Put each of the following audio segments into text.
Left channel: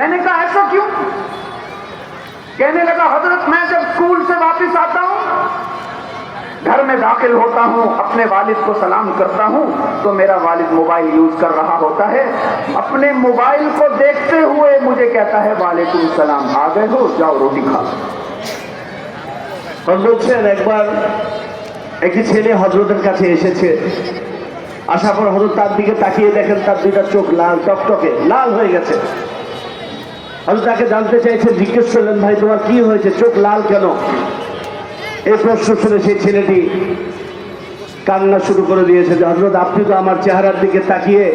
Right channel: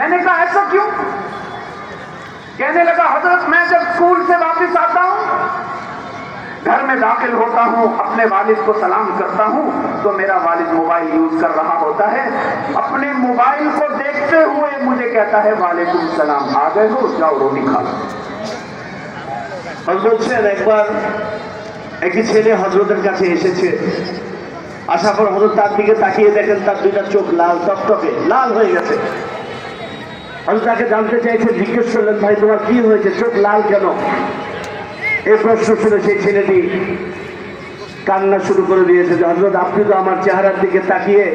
मैंने कहा ऐसा क्यों? कहने लगा हजरत मैं जब स्कूल से वापस आता हूं, घर में दाखिल होता हूं, अपने वालिद को सलाम करता हूं तो मेरा वालिद मोबाइल यूज कर रहा होता है। अपने मोबाइल को देखते हुए मुझे कहता है वालेकुम सलाम, आ गए हो, जाओ रोटी खा लो। বলছেন একবার একটি ছেলে হযরতের কাছে এসেছে, আসার পর হযরত তার দিকে তাকিয়ে দেখেন তার দুইটা চোখ লাল টকটকে লাল হয়ে গেছে। হযরত তাকে জানতে চাইছে, জিজ্ঞেস করলেন ভাই তোমার কি হয়েছে, চোখ লাল কেন? এই প্রশ্ন শুনে সেই ছেলেটি কান্না শুরু করে দিয়েছে যে হযরত আপনি তো আমার চেহারার দিকে তাকিয়ে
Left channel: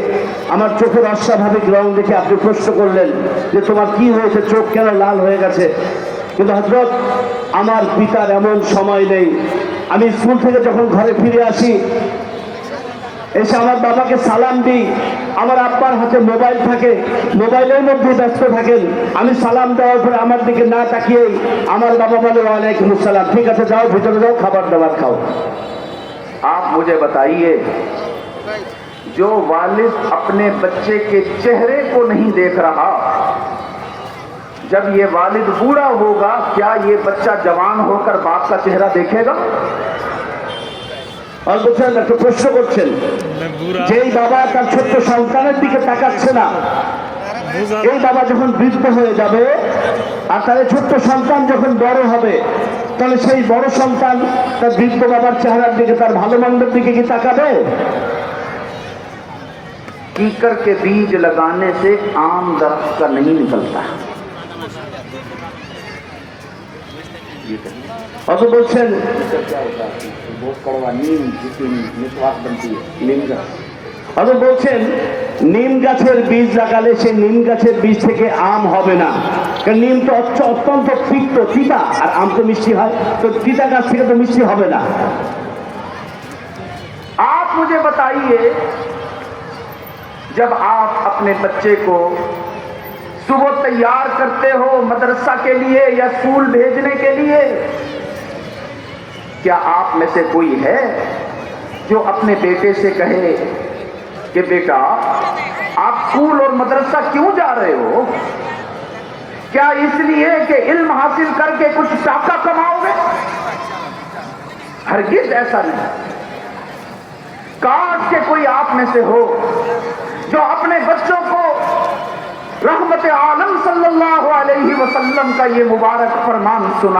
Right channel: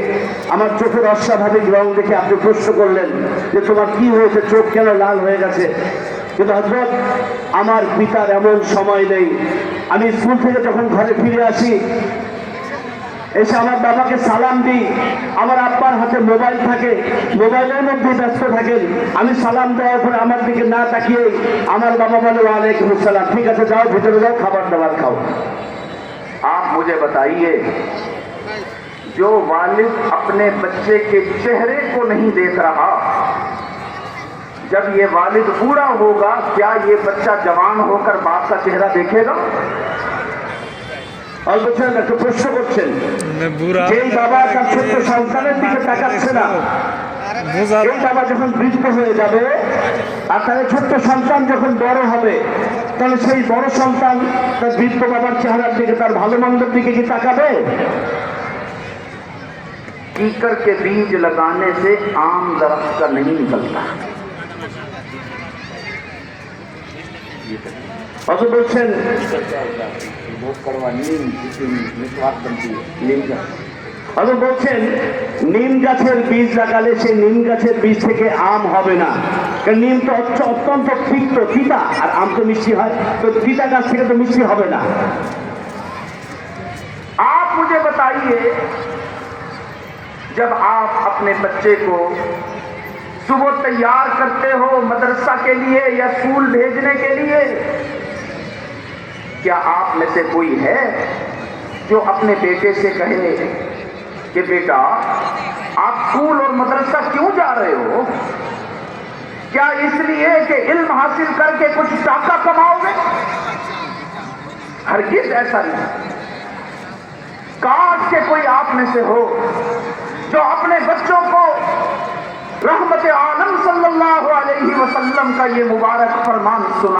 আমার চোখের অস্বাভাবিক রং দেখে আপনি প্রশ্ন করলেন যে তোমার কি হয়েছে, চোখ কেন লাল হয়ে গেছে। কিন্তু হযরত আমার পিতার এমন সময় নেই, আমি স্কুল থেকে যখন ঘরে ফিরে আসি এসে আমার বাবাকে সালাম দিই, আমার আব্বার হাতে মোবাইল থাকে, মোবাইলের মধ্যে ব্যস্ত থাকেন, আমি সালাম দেওয়ার পর আমার দিকে না তাকিয়ে আমার বাবা বলে ওয়ালাইকুম আসসালাম, ঠিক আছে যাও ভিতরে যাও খাবার দাবার খাও। आप मुझे बताइए, जो वालिद अपने बच्चे के चेहरे को नहीं देख रहा, जब ये वालिद बूढ़ा होगा क्या ये बच्चा जवान होकर बाप का चेहरा देखेगा? और বলছেন একটা প্রশ্ন করছেন, যেই বাবা তার ছোট্ট সন্তানের দিকে তাকাচ্ছে না, এই বাবা যখন বৃদ্ধ হয়ে যাবে আর তার ছোট্ট সন্তান যখন বড় হবে, তাহলে সেই বড় সন্তান তার বৃদ্ধ বাবার চেহারার দিকে, তার ভালো মন্দের দিকে কি তাকাবে? कीकर के बीज लगाने से आम दरख्त का नहीं निकलता। অত বলছেন অত বলছেন নিম গাছের বীজ লাগালে সে নিম গাছের বীজ থেকে আম হবে না, কারণ নিম তো অত্যন্ত তিক্ত, তিতা, আর আম তো মিষ্টি হয়, তো তিতা গাছ থেকে তো মিষ্টি হবে না। आप मुझे बताइए, जब आप अपने बच्चे को सुबह तैयार करते हो मदरसा के लिए या स्कूल भेजने के लिए, क्या आप में से कोई है जो अपने बेटे से कहे कि बेटा आप स्कूल और मदरसा क्यों जा रहे हो? क्या इसलिए कि इल्म हासिल करके कुछ टाका कमाओगे? हरगिज ऐसा नहीं। काश के कोई आप में से हो जो अपने बच्चों को रहमत आलम सल्लल्लाहु अलैहि वसल्लम का ये मुबारक फरमान सुना।